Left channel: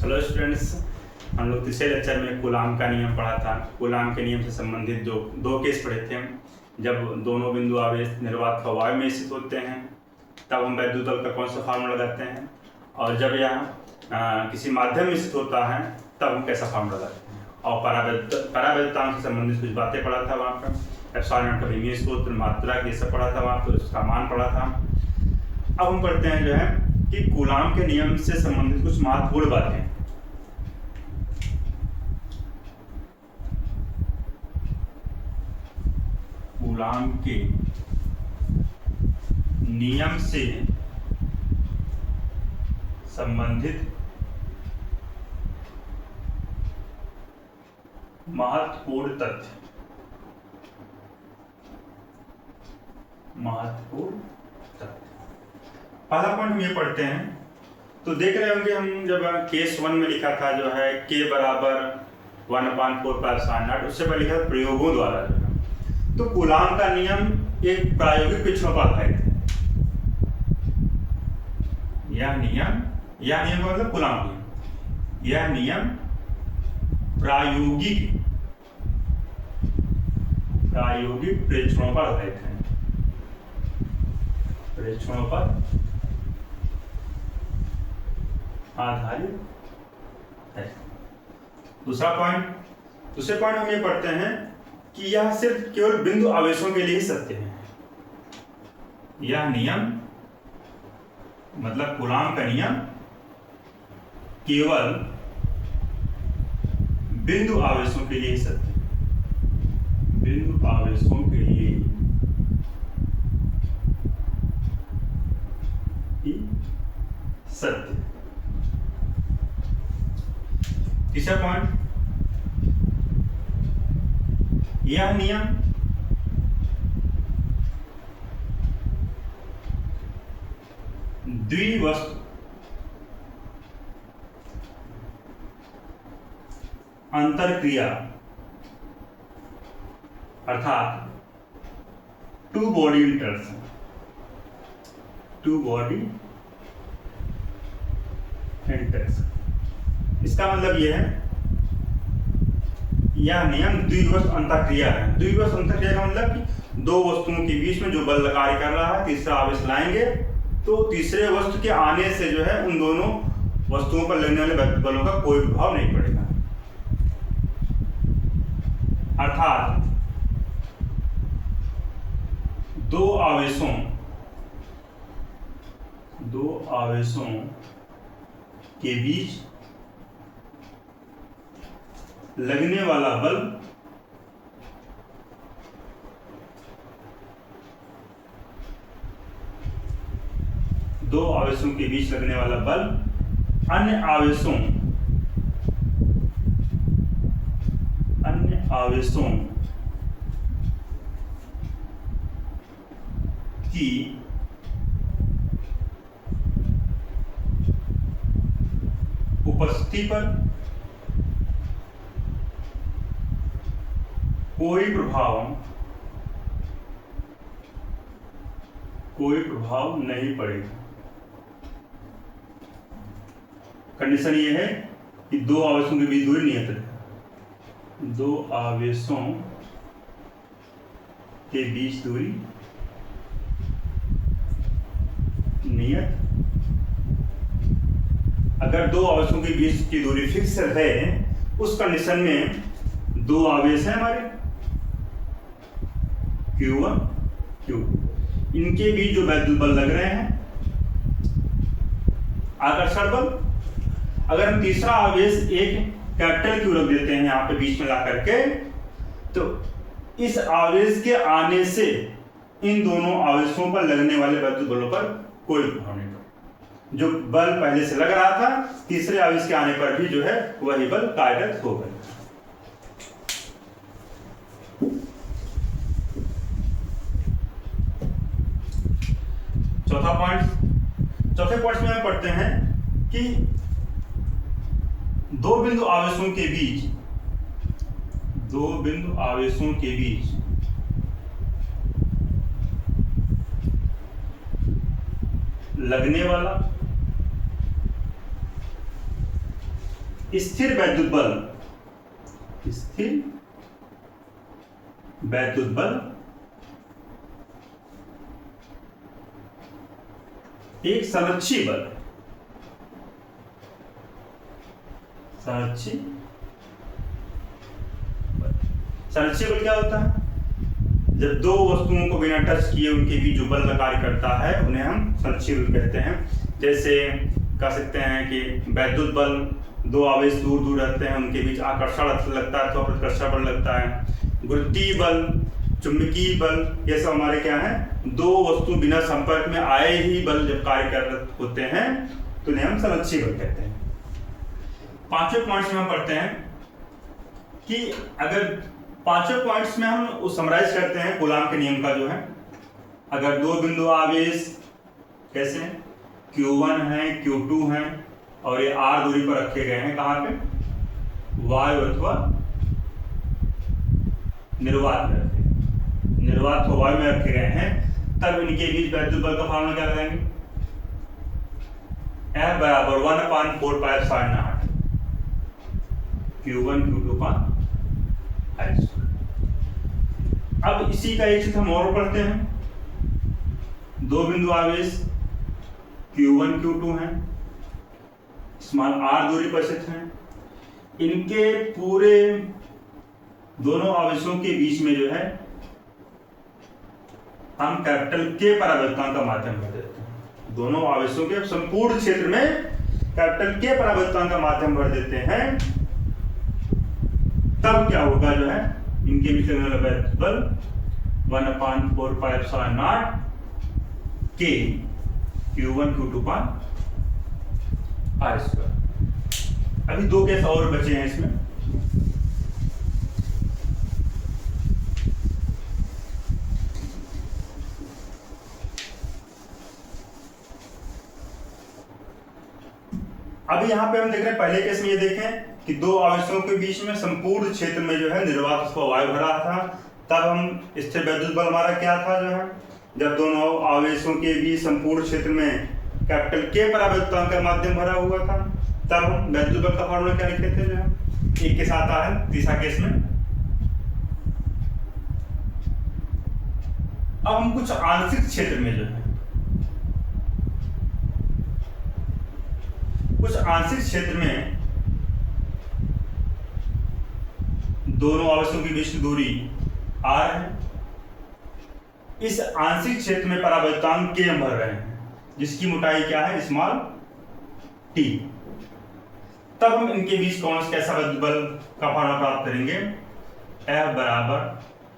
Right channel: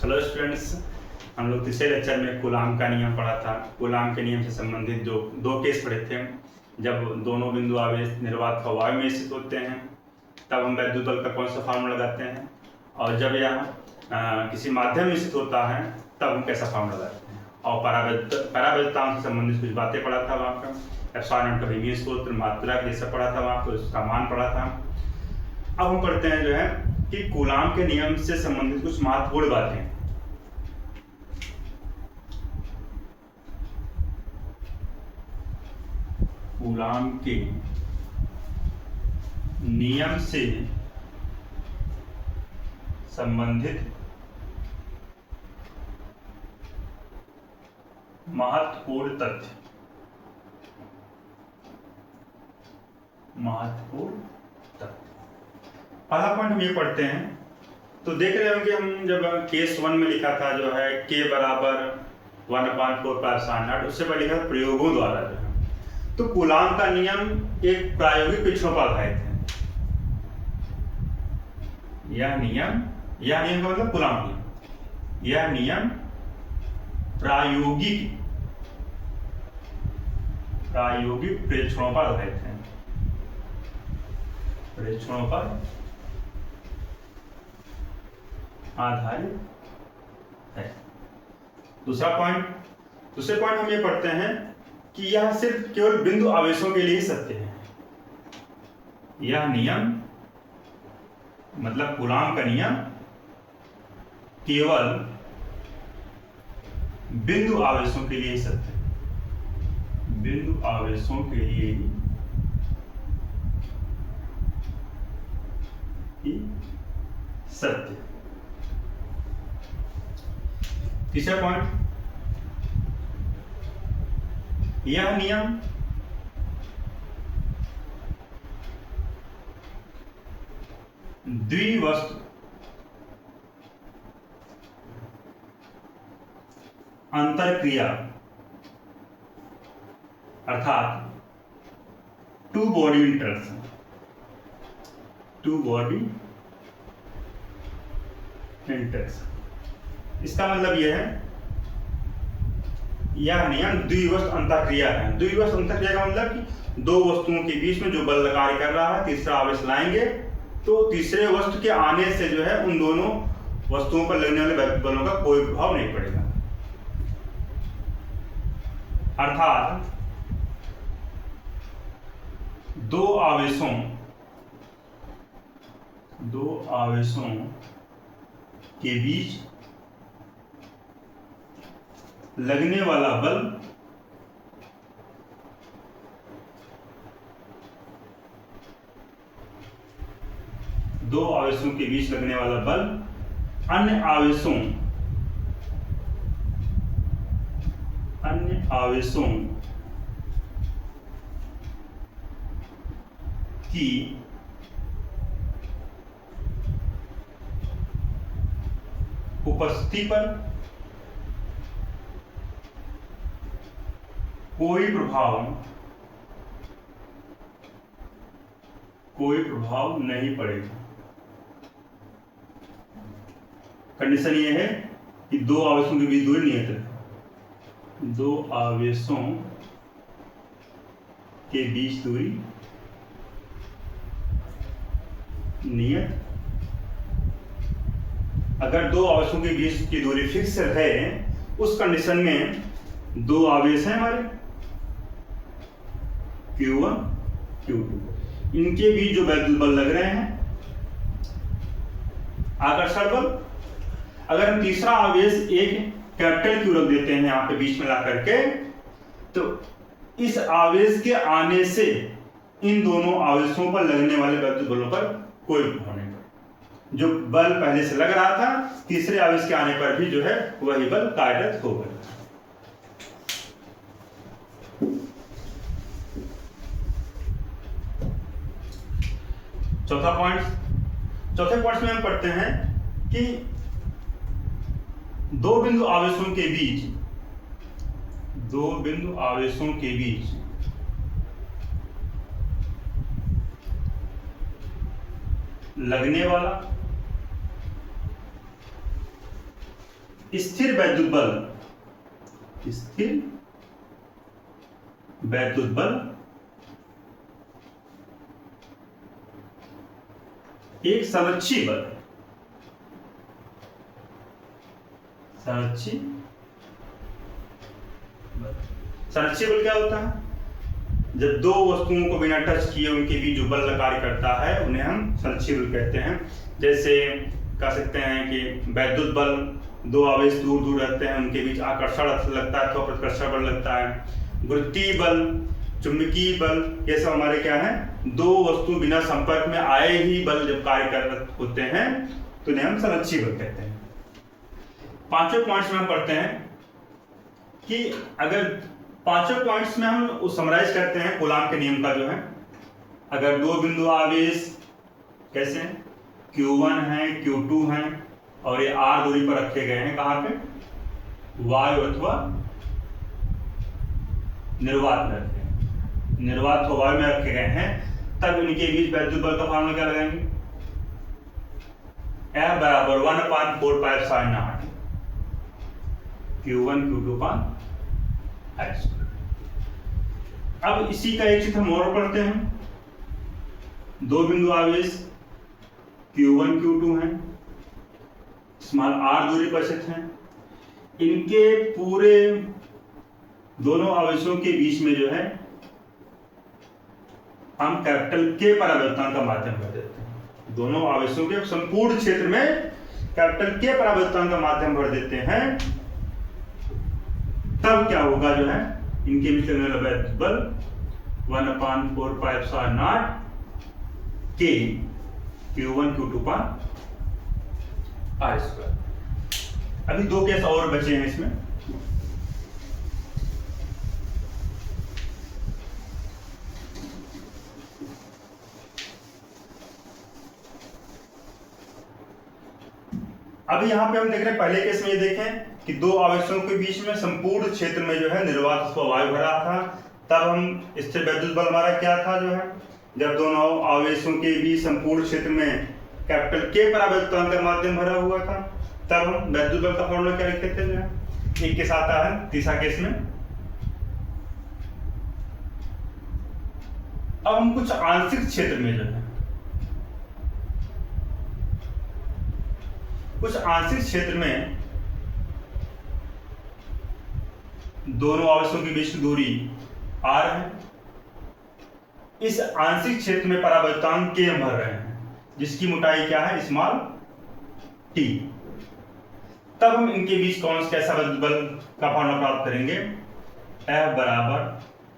Hello students, हम लोग तीसरे लेक्चर में कूलाम का नियम पढ़ा था। कूलाम के नियम से संबंधित जो दो केस पढ़े थे, जब दोनों बिंदु आवेश निर्वात का वायु में स्थित होते हैं तब हम वैद्युत बल का कौन सा फार्मूला लगाते हैं, और जब यह किसी माध्यम में स्थित होता है तब हम कैसा फार्मूला लगाते हैं। और परावैद्युतांक से संबंधित कुछ बातें पढ़ा था वहाँ पर, एप्सिलॉन का विमीय सूत्र, मात्रा ये सब पढ़ा था वहाँ पर, उसका मान पढ़ा था। अब हम पढ़ते हैं जो है कि कूलाम के नियम से संबंधित कुछ महत्वपूर्ण बातें। कूलाम के नियम से संबंधित महत्वपूर्ण तथ्य। पहला पॉइंट हम ये पढ़ते हैं तो देख रहे होंगे हम, जब केस 1 में लिखा था जो है k बराबर 1/4 उससे पहले लिखा था प्रयोगों द्वारा जो है। तो कूलाम का नियम एक प्रायोगिक परीक्षणों पर आधारित है। यह नियम का मतलब कूलाम नियम, यह नियम प्रायोगिक परीक्षणों पर आधारित है। परीक्षणों पर आधारित है। दूसरे पॉइंट हम ये पढ़ते हैं कि यह सिर्फ केवल बिंदु आवेशों के लिए ही सत्य है। यह नियम मतलब कूलाम का नियम केवल बिंदु आवेशों के लिए ही सत्य है। बिंदु आवेशों के लिए ही सत्य। तीसरा पॉइंट, यह नियम द्विवस्तु अंतरक्रिया अर्थात टू बॉडी इंटरेक्शन, इसका मतलब यह है, यह नियम द्विवस्तु अंतरक्रिया है। द्विवस्तु अंतरक्रिया का मतलब कि दो वस्तुओं के बीच में जो बल कार्य कर रहा है, तीसरा आवेश लाएंगे तो तीसरे वस्तु के आने से जो है उन दोनों वस्तुओं पर लगने वाले बलों का कोई प्रभाव नहीं पड़ेगा। अर्थात दो आवेशों के बीच लगने वाला बल अन्य आवेशों की उपस्थिति पर कोई प्रभाव नहीं पड़ेगा। कंडीशन ये है कि दो आवेशों के बीच दूरी नियत है। दो आवेशों के बीच दूरी नियत। अगर दो आवेशों के बीच की दूरी फिक्स है, उस कंडीशन में दो आवेश हैं हमारे Q1 Q2, इनके बीच जो वैद्युत बल लग रहे हैं आकर्षण बल, अगर हम तीसरा आवेश एक कैपिटल Q रख देते हैं यहाँ पे बीच में ला करके, तो इस आवेश के आने से इन दोनों आवेशों पर लगने वाले वैद्युत बलों पर कोई प्रभाव नहीं पड़ेगा। जो बल पहले से लग रहा था, तीसरे आवेश के आने पर भी जो है वही बल कार्यरत होगा। चौथे पॉइंट में हम पढ़ते हैं कि दो बिंदु आवेशों के बीच लगने वाला स्थिर वैद्युत बल, स्थिर वैद्युत बल एक संरक्षी बल, संरक्षी बल क्या होता है? जब दो वस्तुओं को बिना टच किए उनके बीच जो बल कार्य करता है उन्हें हम संरक्षी बल कहते हैं। जैसे कह सकते हैं कि वैद्युत बल, दो आवेश दूर दूर रहते हैं उनके बीच आकर्षण लगता है अथवा प्रतिकर्षण बल लगता है। गुरुत्वीय बल, चुंबकीय बल, ये सब हमारे क्या है? दो वस्तु बिना संपर्क में आए ही बल जब कार्य कर होते हैं तो उन्हें हम संरक्षी बल कहते हैं। पांचवें पॉइंट्स में हम पढ़ते हैं कि अगर पांचवें पॉइंट्स में हम समराइज करते हैं कूलाम के नियम का जो है, अगर दो बिंदु आवेश कैसे Q1 है Q2 है और ये R दूरी पर रखे गए हैं, कहां पे? वायु अथवा निर्वात में रखे, निर्वात अथवा वायु में रखे गए हैं, तब इनके बीच वैद्युत बल का फॉर्मूला क्या लगाएंगे? F बराबर 1/4πε0 Q1 Q2 का I²। अब इसी का एक चित्र हम और पढ़ते हैं। दो बिंदु आवेश Q1 Q2 हैं, स्मॉल r दूरी पर स्थित हैं, इनके पूरे दोनों आवेशों के बीच में जो है हम कैपिटल K परावर्तन का माध्यम भर देते हैं। दोनों आवेशों के संपूर्ण क्षेत्र में कैपिटल K परावर्तन का माध्यम भर देते हैं, तब क्या होगा जो है इनके बीच लगने वाला वैद्युत बल 1/4πε0 K Q1 Q2 का I²। अभी दो केस और बचे हैं इसमें। अभी यहां पे हम देख रहे हैं, पहले केस में ये देखें कि दो आवेशों के बीच में संपूर्ण क्षेत्र में जो है निर्वात अथवा वायु भरा था, तब हम स्थिर वैद्युत बल हमारा क्या था जो है, जब दोनों आवेशों के बीच संपूर्ण क्षेत्र में कैपिटल K परावर्तन का माध्यम भरा हुआ था, तब हम वैद्युत बल का फॉर्मूला क्या लिखते थे जो है। एक केस आता है तीसरा केस में। अब हम कुछ आंशिक क्षेत्र में जो है, कुछ आंशिक क्षेत्र में दोनों आवेशों के बीच की दूरी r है, इस आंशिक क्षेत्र में परावर्तनांक K हम भर रहे हैं, जिसकी मोटाई क्या है? Small t। तब हम इनके बीच कैसा वैद्युत बल का फॉर्मूला प्राप्त करेंगे? F बराबर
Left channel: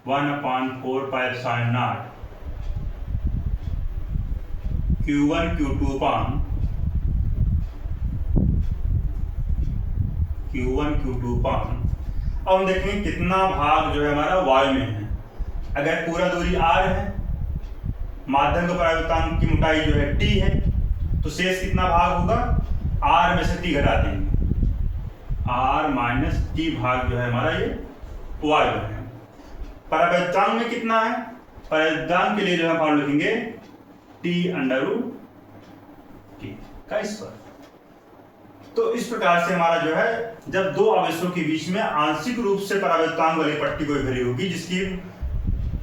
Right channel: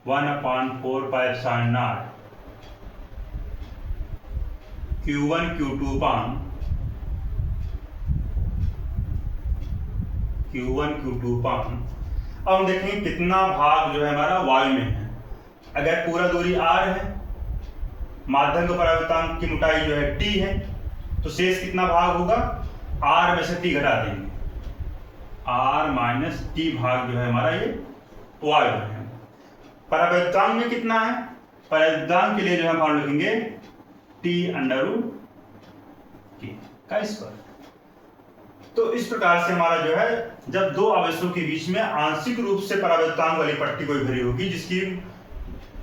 1/4πε0 Q1 Q2 पान Q1 Q2 पान। अब हम देखेंगे कितना भाग जो है हमारा वायु में है। अगर पूरा दूरी r है, माध्यम का परावर्तनांक की मोटाई जो है t है, तो शेष कितना भाग होगा? r में से t घटा देंगे, r माइनस t भाग जो है हमारा ये वायु है। परावर्तनांक में कितना है? परावर्तनांक के लिए जो है हम लिखेंगे t√K का स्क्वायर। तो इस प्रकार से हमारा जो है, जब दो आवेशों के बीच में आंशिक रूप से परावर्तनांक वाली पट्टी कोई भरी होगी जिसकी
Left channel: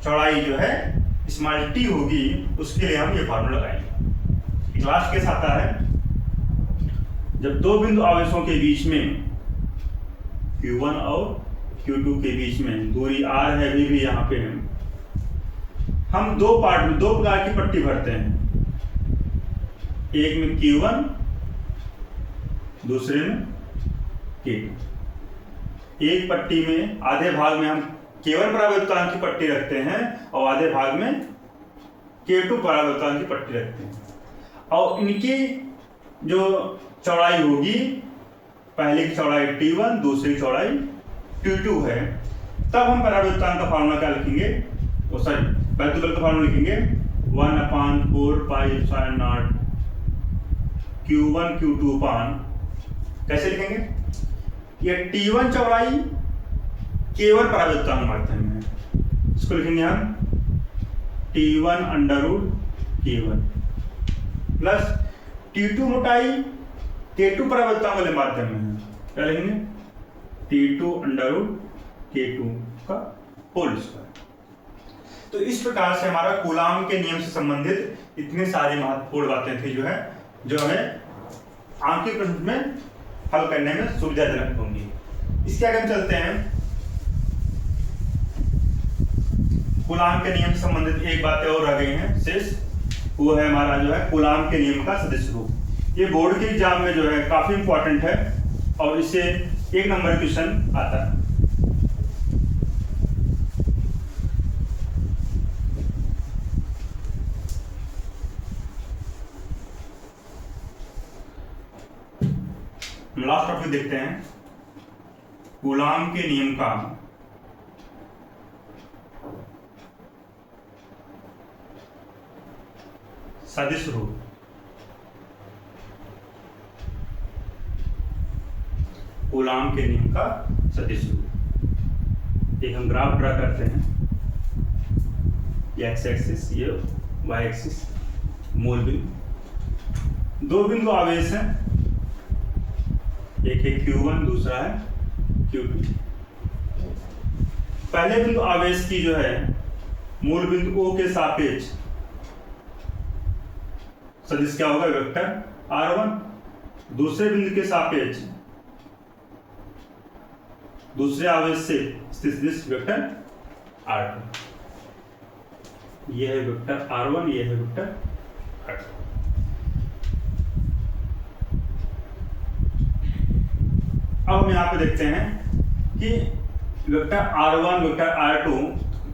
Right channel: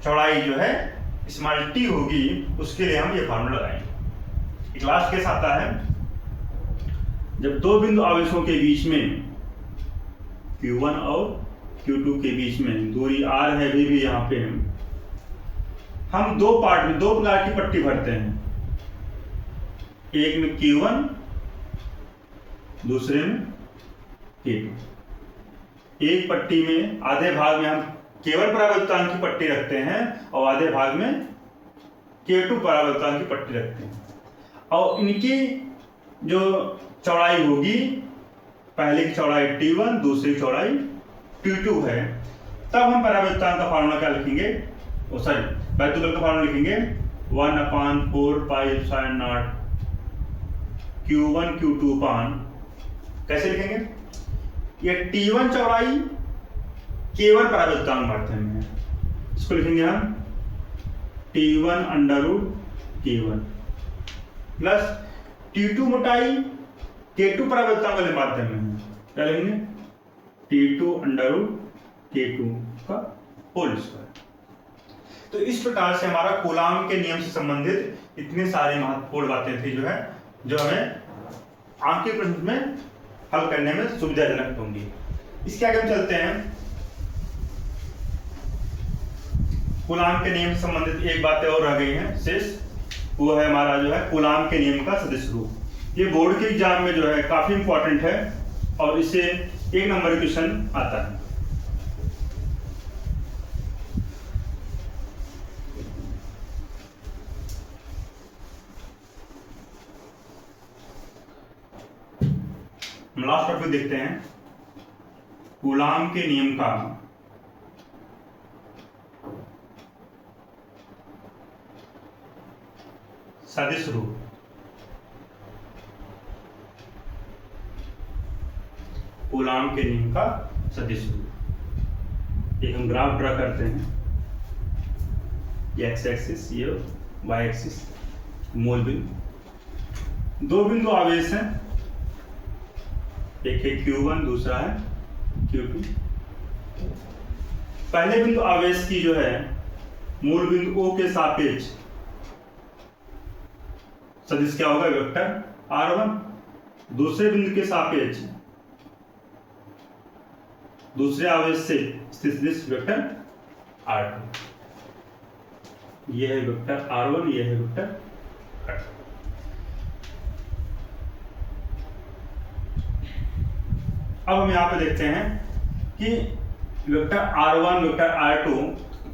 चौड़ाई जो है स्मॉल t होगी, उसके लिए हम ये फॉर्मूला लगाएंगे। एक लास्ट केस आता है, जब दो बिंदु आवेशों के बीच में Q1 और Q2 के बीच में दूरी r है, अभी भी यहाँ पे हम दो पार्ट में दो प्रकार की पट्टी भरते हैं। एक में Q1, दूसरे में K2। एक पट्टी में आधे भाग में हम केवल परावर्तनांक की पट्टी रखते हैं और आधे भाग में K2 परावर्तनांक की पट्टी रखते हैं, और इनकी जो चौड़ाई होगी, पहले की चौड़ाई T1, दूसरी चौड़ाई T2 है, तब हम परावर्तनांक का फॉर्मूला क्या लिखेंगे? वैद्युत बल का फॉर्मूला लिखेंगे 1/4πε0 Q1 Q2 पान। कैसे लिखेंगे? ये T1 चौड़ाई केवल परावर्तनांक माध्यम में है, इसको लिखेंगे हम T1√K1 प्लस T2 मोटाई K2 परावर्तनांक वाले माध्यम में है, क्या लेंगे T2 अंडर रूट K2 का होल स्क्वायर। तो इस प्रकार से हमारा कूलाम के नियम से संबंधित इतनी सारी महत्वपूर्ण बातें थी जो हमें आंकिक प्रश्न में हल करने में सुविधाजनक होंगी। इसके आगे हम चलते हैं, कूलाम के नियम से संबंधित एक बात और रह गई है शेष, वो है हमारा जो है कूलाम के नियम का सदिश रूप। ये बोर्ड के एग्जाम में जो है काफी इंपॉर्टेंट है और इससे 1 नंबर क्वेश्चन आता है। लास्ट टॉपिक देखते हैं, कूलाम के नियम का सदिश रूप। कूलाम के नियम का सदिश रूप। एक हम ग्राफ ड्रा करते हैं, एक्स एक्सिस, ये वाई एक्सिस, मूल बिंदु, 2 बिंदु आवेश हैं, एक है Q1, दूसरा है Q2। पहले बिंदु आवेश की जो है मूल बिंदु O के सापेक्ष सदिश क्या होगा, वेक्टर R1। दूसरे बिंदु के सापेक्ष दूसरे आवेश से स्थित सदिश वेक्टर R2। यह है वेक्टर R1, यह है वेक्टर R2। अब हम यहाँ पे देखते हैं कि vector R1 vector R2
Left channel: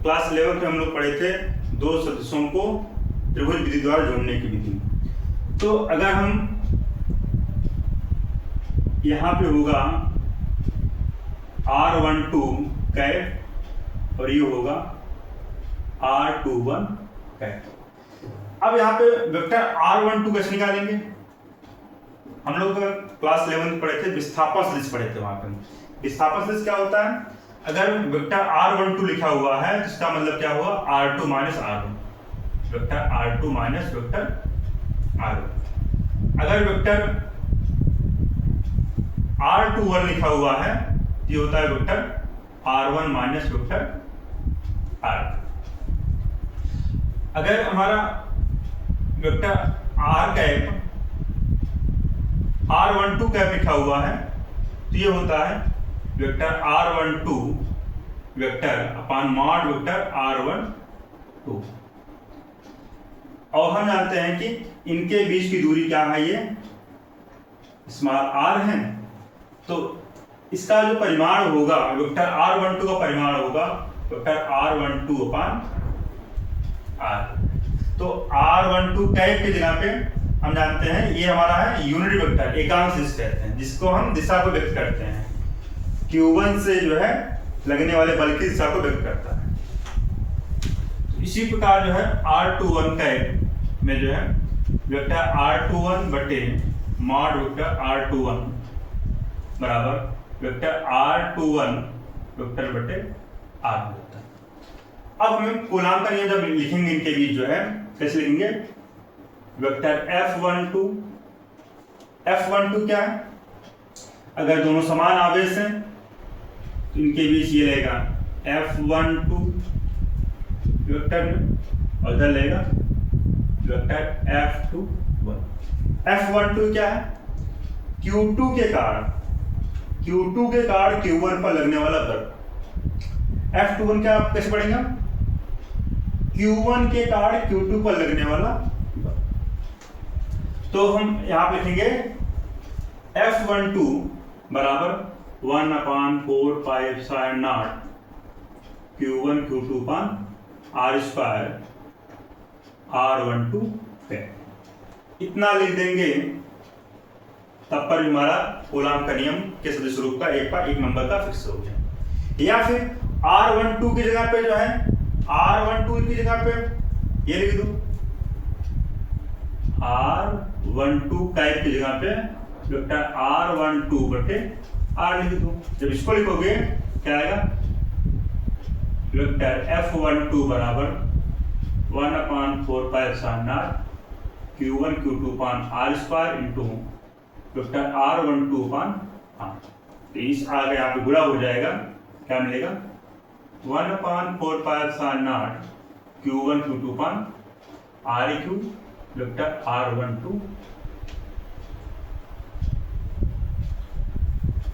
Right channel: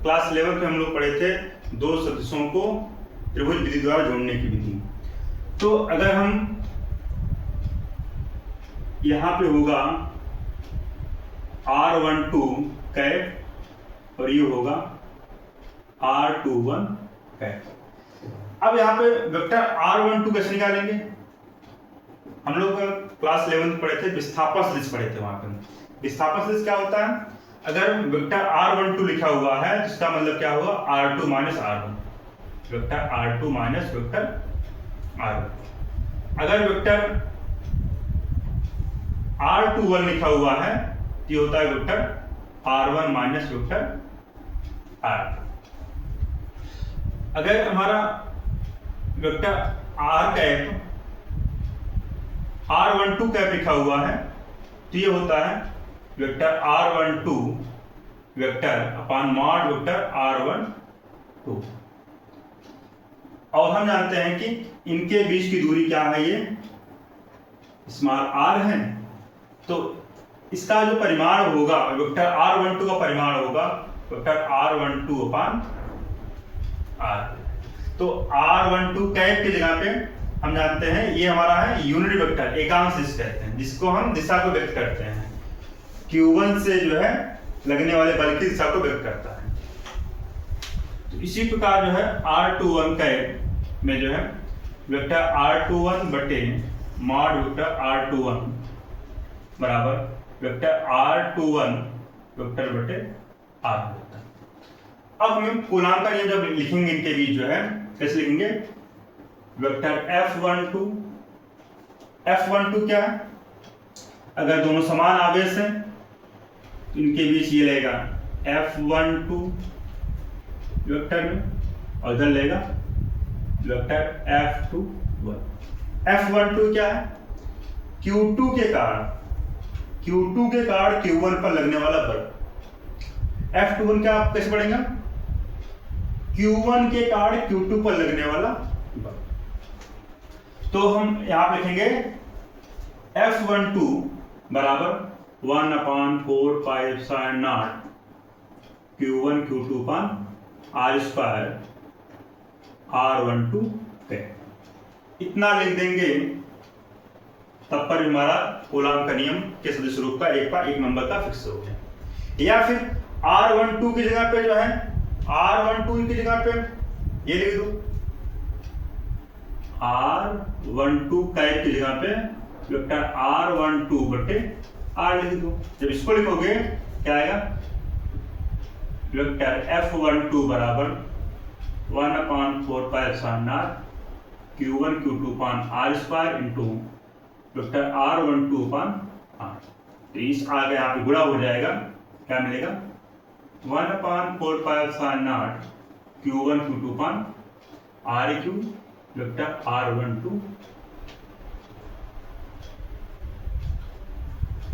class 11 पे हम लोग पढ़े थे 2 सदिशों को त्रिभुज विधि द्वारा जोड़ने की विधि। तो अगर हम यहाँ पे होगा R12 कैप और ये होगा R21 कैप। अब यहाँ पे वेक्टर R12 कैसे निकालेंगे? हम लोग क्लास 11 पढ़े थे, विस्थापन सदिश पढ़े थे। वहां पर विस्थापन सदिश क्या होता है? अगर वेक्टर R12 लिखा हुआ है तो इसका मतलब क्या हुआ, R2 minus R1, vector R2 minus vector R1। अगर वेक्टर R21 लिखा हुआ है तो ये होता है vector R1 minus vector R2। अगर हमारा vector R cap R12 cap लिखा हुआ है तो ये होता है वेक्टर R12 वेक्टर अपान मॉड वेक्टर R12। और हम जानते हैं कि इनके बीच की दूरी क्या है, ये स्मॉल r है। तो इसका जो परिमाण होगा वेक्टर R12 का परिमाण होगा वेक्टर R12 अपान R। तो R12 कैप की जगह पे हम जानते हैं ये हमारा है यूनिट वेक्टर, एकांक सदिश कहते हैं, जिसको हम दिशा को व्यक्त करते हैं। Q1 से जो है लगने वाले बल की दिशा को व्यक्त करता है। तो इसी प्रकार जो है R21 कैप में जो है वेक्टर R21 बटे मॉड वेक्टर R21 बराबर वेक्टर R21 वेक्टर बटे R वेक्टर। अब हमें कूलाम का नियम जब लिखेंगे इनके बीच जो है कैसे लिखेंगे, वेक्टर F12 क्या है? अगर दोनों समान आवेश हैं तो इनके बीच ये लेगा F12 वेक्टर में और इधर लेगा वेक्टर F21। F12 क्या है? Q2 के कारण Q1 पर लगने वाला बल। F21 क्या आप कैसे पढ़ेंगे? Q1 के कारण Q2 पर लगने वाला बल। तो हम यहां पे लिखेंगे F12 बराबर 1/4 pi epsilon not Q1 Q2 upon R square R12 है। इतना लिख देंगे तब पर हमारा कूलाम का नियम के सदिश रूप का एक नंबर का फिक्स हो गया। या फिर R12 की जगह पे जो है R12 की जगह पे ये लिख दो R12 कैप की जगह पे वेक्टर R12 बटे R लिख दो। जब इसको लिखोगे क्या आएगा, वेक्टर F12 बराबर 1/4 pi epsilon not Q1 Q2 upon R square into vector R12 upon R। तो इस आगे यहाँ पे गुणा हो जाएगा, क्या मिलेगा 1/4πε0 Q1 Q2 पान Req वेक्टर R12।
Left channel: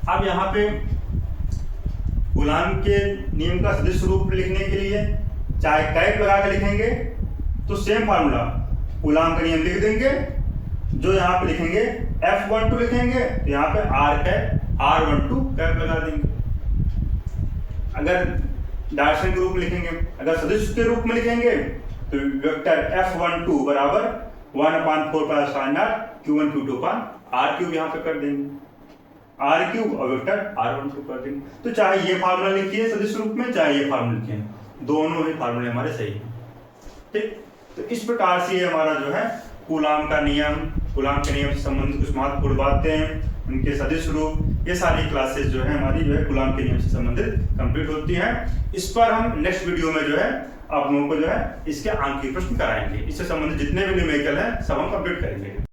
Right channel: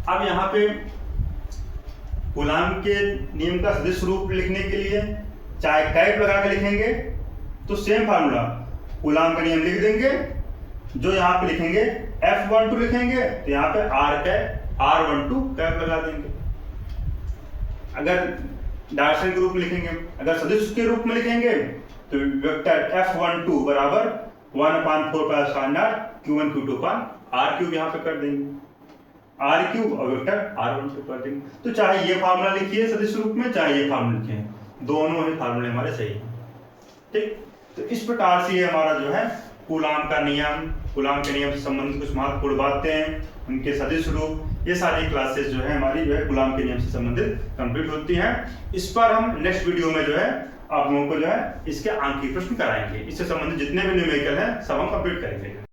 अब यहाँ पे कूलाम के नियम का सदिश रूप लिखने के लिए चाहे कैप लगा के लिखेंगे तो सेम फार्मूला, कूलाम का नियम लिख देंगे, जो यहाँ पे लिखेंगे F12 लिखेंगे तो यहाँ पे R कैप R12 कैप लगा देंगे। अगर डायरेक्शन के रूप में लिखेंगे, अगर सदिश के रूप में लिखेंगे तो वेक्टर F12 बराबर 1/4πε0 Q1 Q2 पान R3 यहाँ पे कर देंगे, R3 और वेक्टर R12 कर देंगे। तो चाहे ये फार्मूला लिखिए सदिश रूप में, चाहे ये फार्मूला लिखिए, दोनों ही फार्मूले हमारे सही हैं। ठीक, तो इस प्रकार से हमारा जो है कूलाम का नियम, कूलाम के नियम से संबंधित कुछ महत्वपूर्ण बातें, उनके सदिश रूप, ये सारी क्लासेस जो है हमारी जो है कूलाम के नियम से संबंधित कंप्लीट होती हैं। इस पर हम नेक्स्ट वीडियो में जो है आप लोगों को जो है इसके आंखी प्रश्न कराएंगे, इससे संबंधित जितने भी न्यूमेरिकल हैं सब हम कंप्लीट करेंगे।